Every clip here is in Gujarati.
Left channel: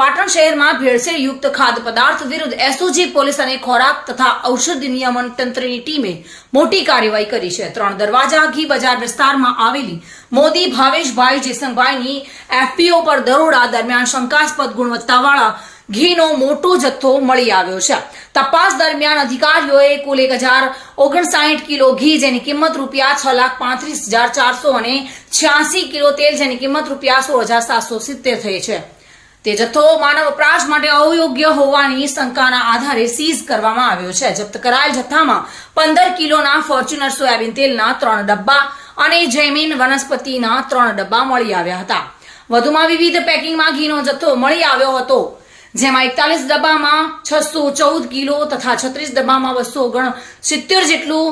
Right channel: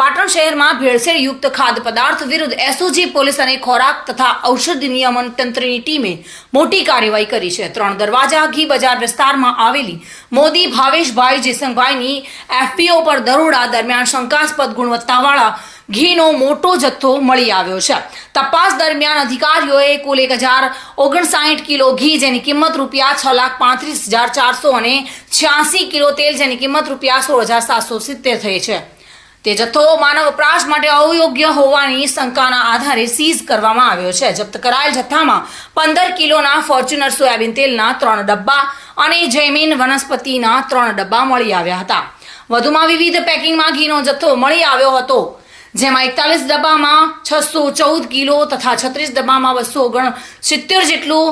પાટણ શહેરમાં ભેળસેળયુક્ત ખાદ્ય પદાર્થ વિરુદ્ધ એસઓજી પોલીસ અને ખોરાક તથા ઔષધ નિયમન તંત્રની ટીમે મોટી કાર્યવાહી કરી છે। 3 દરવાજા ઘી બજાર વિસ્તારમાં આવેલી મોદી ભાવેશભાઈ જેસંગભાઈની એફપીઓ પર દરોડા દરમિયાન શંકાસ્પદ ગુણવત્તાવાળા ઘીનો મોટો જથ્થો મળી આવ્યો છે। તપાસ દરમિયાન અધિકારીઓએ કુલ 1059 કિલો ઘી જેની કિંમત ₹6,35,400 અને 86 કિલો તેલ જેની કિંમત ₹16,770 થઈ છે। તે જથ્થો માનવ વપરાશ માટે અયોગ્ય હોવાની શંકાના આધારે સીઝ કરવામાં આવ્યો છે। જપ્ત કરાયેલ જથ્થામાં 15 કિલોના ફોર્ચ્યુનર સોયાબીન તેલના 3 ડબ્બા અને જૈમિન વનસ્પતિના 3 ડબ્બા મળી આવ્યા હતા। વધુમાં વિવિધ પેકિંગમાં ઘીનો જથ્થો મળી આવ્યો હતો, જેમાં 41 ડબ્બામાં 614 કિલો તથા 36 ડબ્બામાં 269 જેટલું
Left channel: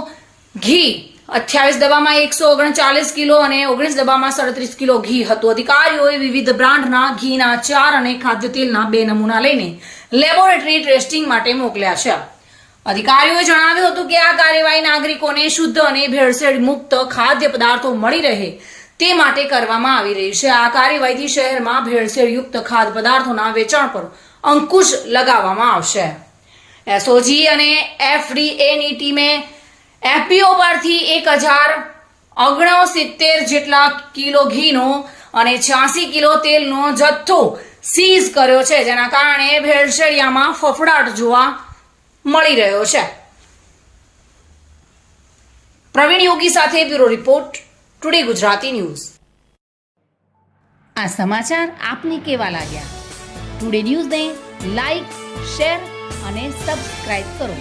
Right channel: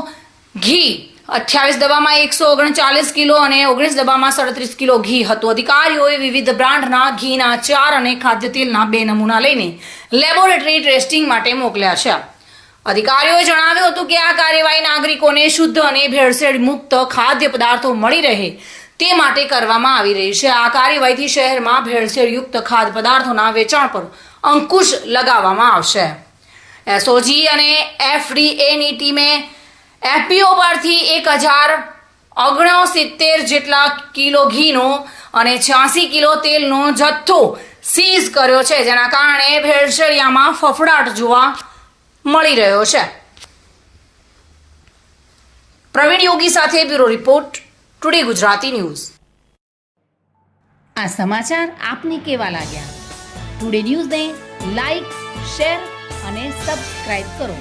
ઘી, 28 ડબ્બામાં 139 કિલો અને 19 ડબ્બામાં 37 કિલો ઘી હતું। અધિકારીઓએ વિવિધ બ્રાન્ડના ઘીના 4 અને ખાદ્ય તેલના 2 નમૂના લઈને લેબોરેટરી ટેસ્ટિંગ માટે મોકલ્યા છે। અધિકારીઓએ જણાવ્યું હતું કે આ કાર્યવાહી નાગરિકોને શુદ્ધ અને ભેળસેળ મુક્ત ખાદ્ય પદાર્થો મળી રહે તે માટે કરવામાં આવી રહી છે। આ કાર્યવાહીથી શહેરમાં ભેળસેળયુક્ત ખાદ્ય પદાર્થોના વેચાણ પર અંકુશ લગાવવામાં આવશે। એસઓજી અને એફડીએની ટીમે એફપીઓ પરથી 1069 જેટલા કિલો ઘીનો અને 86 કિલો તેલનો જથ્થો સીઝ કર્યો છે, જેના કારણે ભેળસેળિયામાં ફફડાટ જોવા મળી રહ્યો છે। પ્રવીણ યોગી સાથે bureau report, today Gujarati news. આ સમાચાર આપને કેવા લાગ્યા? ટુડે ન્યૂઝને લાઈક, શેર અને સબસ્ક્રાઇબ કરો।